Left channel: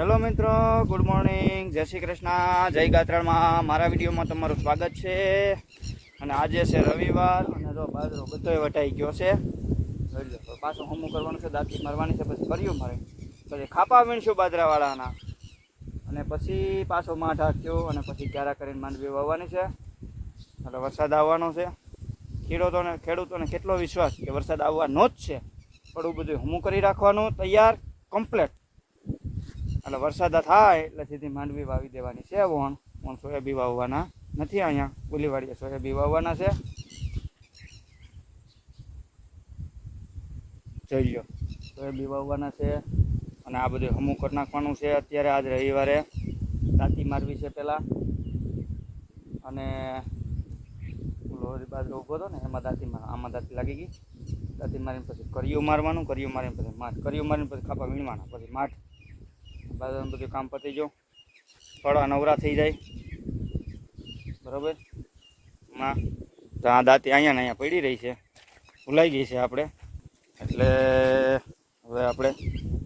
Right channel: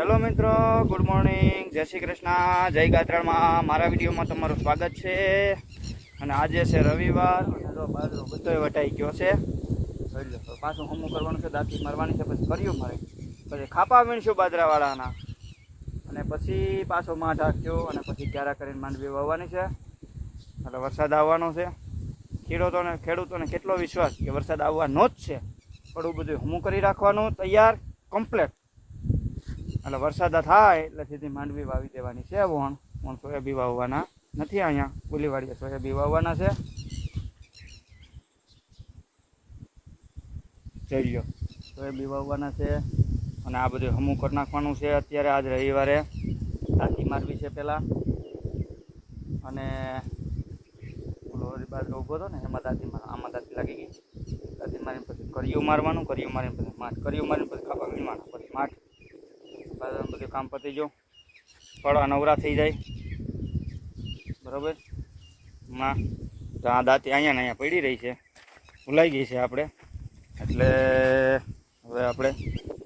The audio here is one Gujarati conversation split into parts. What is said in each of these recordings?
હેલો મિત્રો, ગુડ મોર્નિંગ, જય શ્રી કૃષ્ણ, જય ગાત્રામાં મારા વિડીયોમાં તમારું સ્વાગત છે. અને આજે છે રવિવાર અને જો બાજરો બધોય વટાઈ ગયો છે. જોઈ લો, પાછું હમું કરવાનું છે, દાંતી મારવાની છે, પછી કર્યું મારે, પછી ખાપા વીણશું બાજરાવાળાના, અને પછી પાછો માં ઢાંક્યો, અને પછી ક્યારા કરીને માંડવી વાવવાની છે. એટલે વરસાદ આવવાનો છે. ખેડૂતોને કેટલો વિશ્વાસ કે વરસાદ આવવાનો જ છે. થોડું બધું હમું કરી રાખવાનું, તૈયાર કમ્પ્લેટ. એટલે વરસાદ થાય એટલે સીધી માંડવી વાવી દેવાની છે. વણ સોયાબી વાવવાના નથી. અહીંયા ગુલીવાડીએ સોયાબી વાવવાના છે. જોઈ લો, સોયાબી વાવવાના છે. અને આ બધું હમું કરી નાખવાનું છે. અત્યારે આજ રવિવારે દાંતી મારવી છે પહેલાં. અને બાજરો ઊભો હતો ને એમાં આમાં દાંતી લાગી ગઈ. દાંતી મારીને પછી કર્યું મારવાનું, કર્યું મારીને પછી માઠ, કર્યું મારીને પછી ખાપા વીણવાના, પછી માઠ. બાજરાનું બધું કામ પતી ગયું, થોડા નવરા થઈ જાય બરાબર. માં તો આ દાંતી અહીંયા ને અહીંયા પડી રહી છે, ભૂલાઈ ગઈ છે આપણે. એટલે હવે આપણે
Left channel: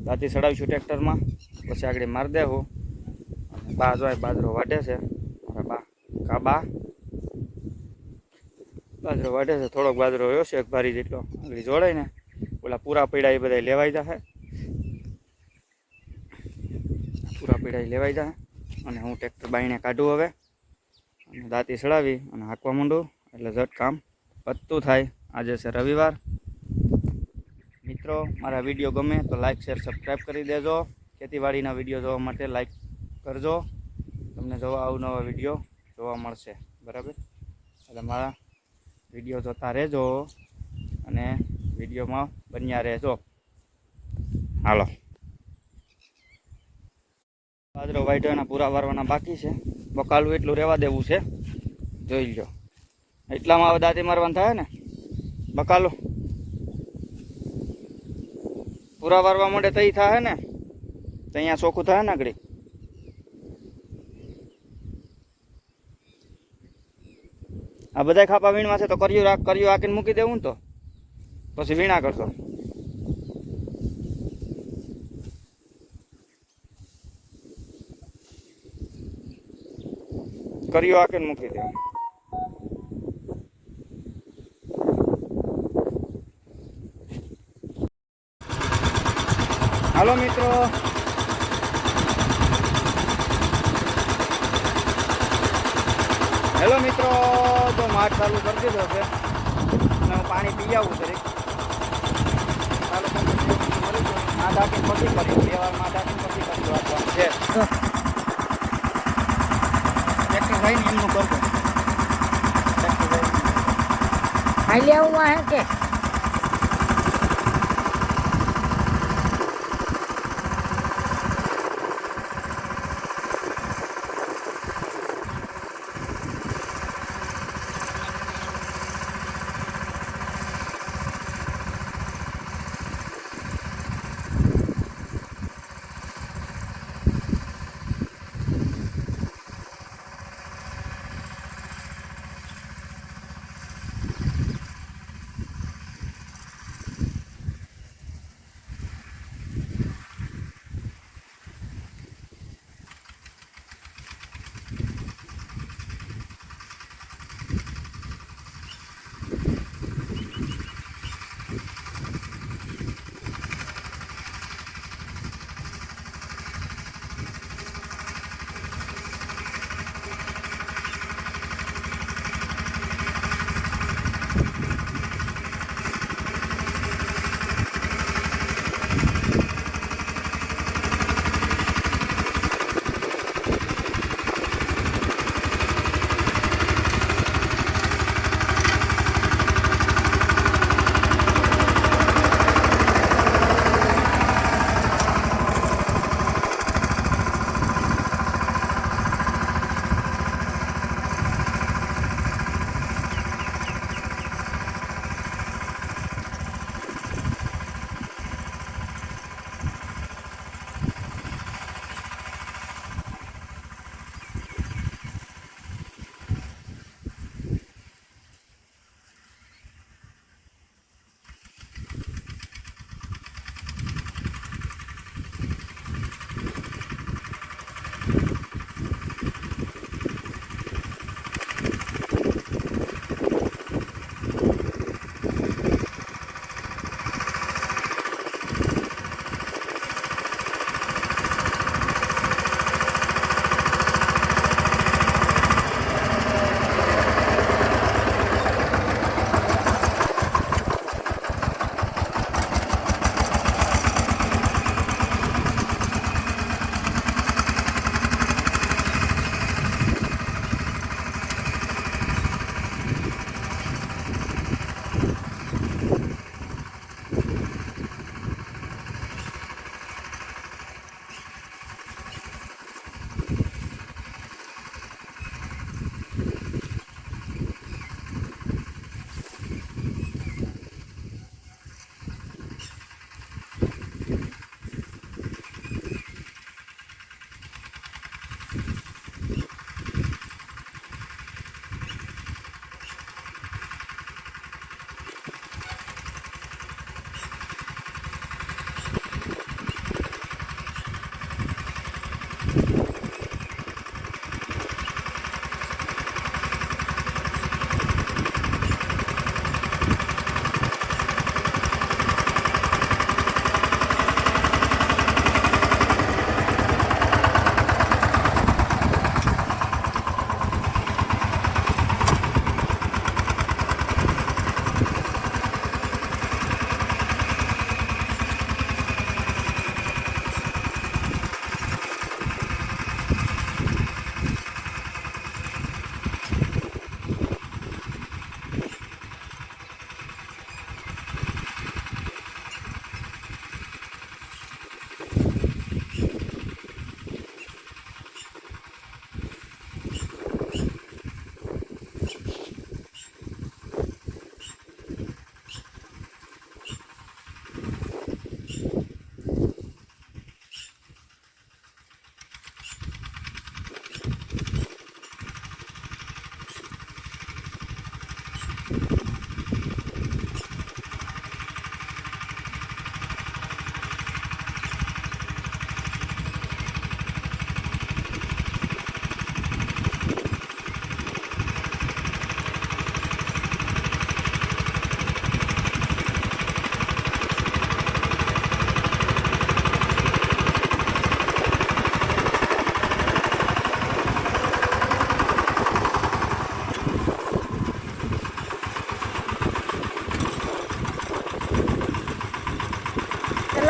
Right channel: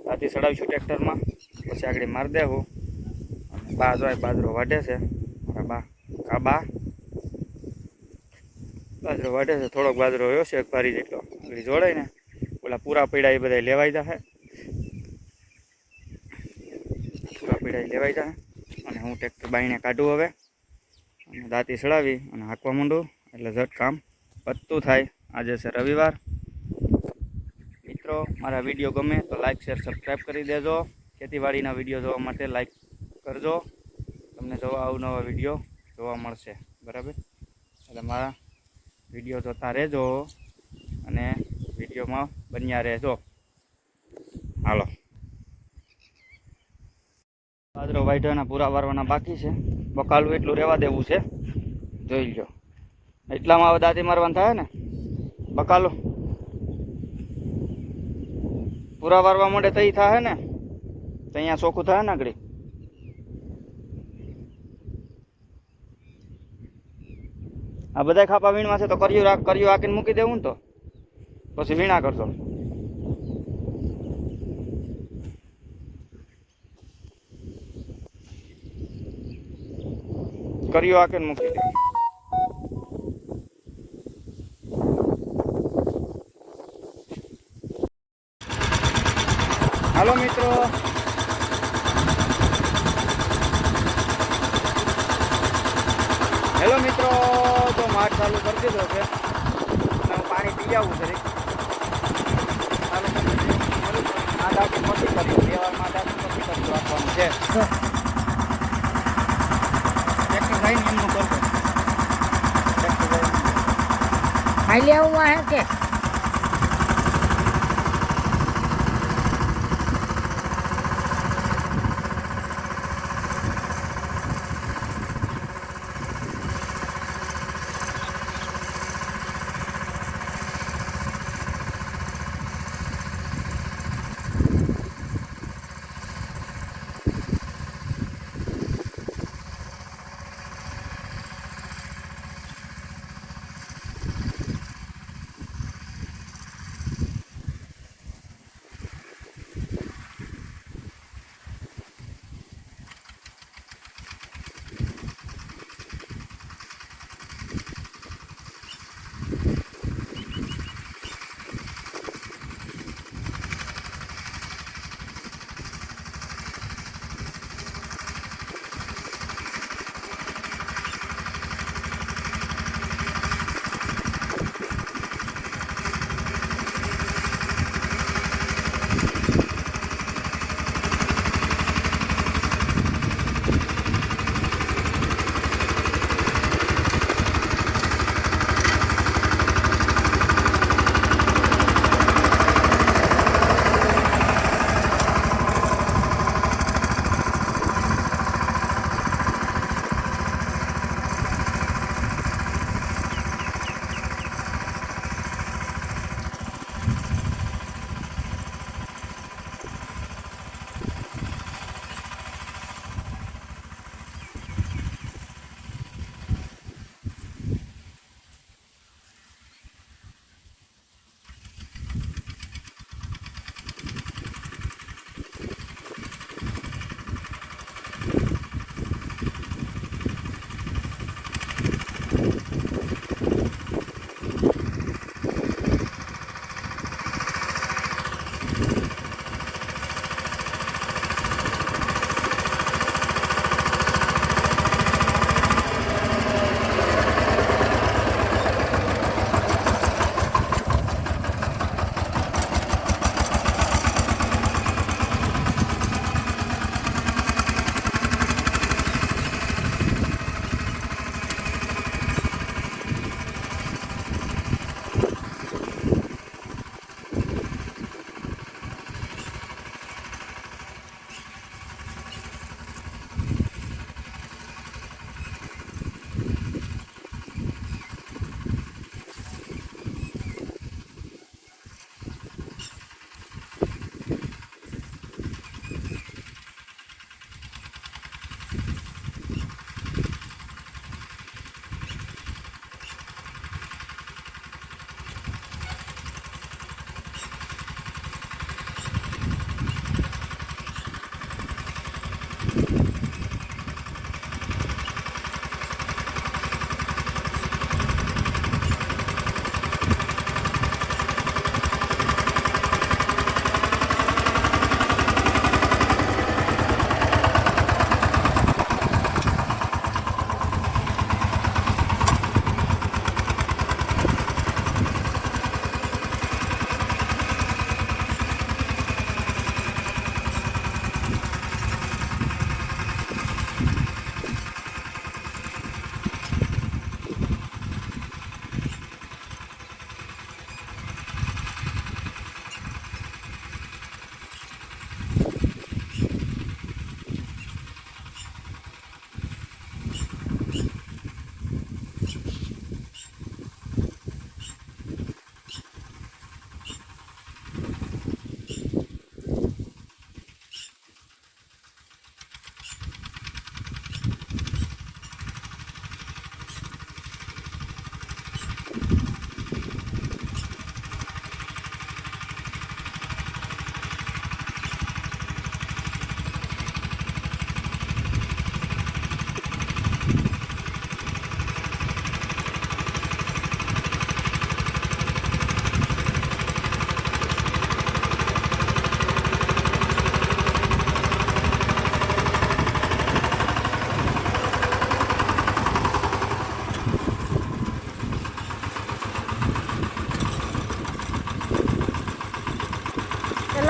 દાંતી ચડાવીશું ટ્રેક્ટરમાં, પછી આગળ મારી દેવું. અને બા જો બાજરો વાઢે છે, મારા બા બાજરો વાઢે છે. થોડોક બાજરો રહ્યો છે, એક ભારી જેટલો. આગળ જોડાય ને ઓલા પૂરા પીડા એ બધા લેવાઈ જશે, પૂરા પીડા લેવાઈ જાય. અને હું ટ્રેક્ટર બાઈને કાઢું હવે, અને દાંતી ચડાવી અને હાંકવા માંડું, એટલે ઝટ કામ પતતું થાય. આજે છે રવિવાર. મિત્રો, મારા વિડીયો ગમે તો લાઇક શેર સબસ્ક્રાઈબ કરી દેજો. ખેતીવાડીના વિડીયો જોવા માટે લાઇક કરજો, તમને જોવા અવનવા વિડીયો જોવા મળશે બરાબર. એટલે મારા વિડીયો જોતા રહેજો અને વિડીયોમાં બન્યા રહેજો. હાલો, બાજરો વાઢવાના પૂરા વારવાના બાકી છે. બકાલું એટલું રહેવા દેવું છે. જોઈ લો, એટલામાં હવે દાંતી મારવાનું થાય ને. બકાલું પૂરા વારવા માટે તઈ થાય ને, તો અહીંયા ચોખ્ખું થાય ને આગળ. આ બધા ખાપા વીણવા છે તો કર્યું હાકીને મૂકી દેવું ને, તો પછી વીણા કરશો. કર્યું હાકીને મૂકી દે. હાલો મિત્રો, હેલો મિત્રો, તો માઠ ચાલુ કરી દીધો છે અને હું પાણી પી આવું જરીક. ચાલુ માં ઢાંકીને પછી કર્યું, 2 વાર માં ઢાંકીને પછી કર્યું આપવાનું છે. ખાઈ લેવું હે કે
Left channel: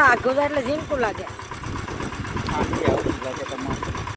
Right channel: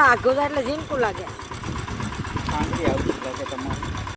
આઘું થાય એટલે ઝીણકું લાગે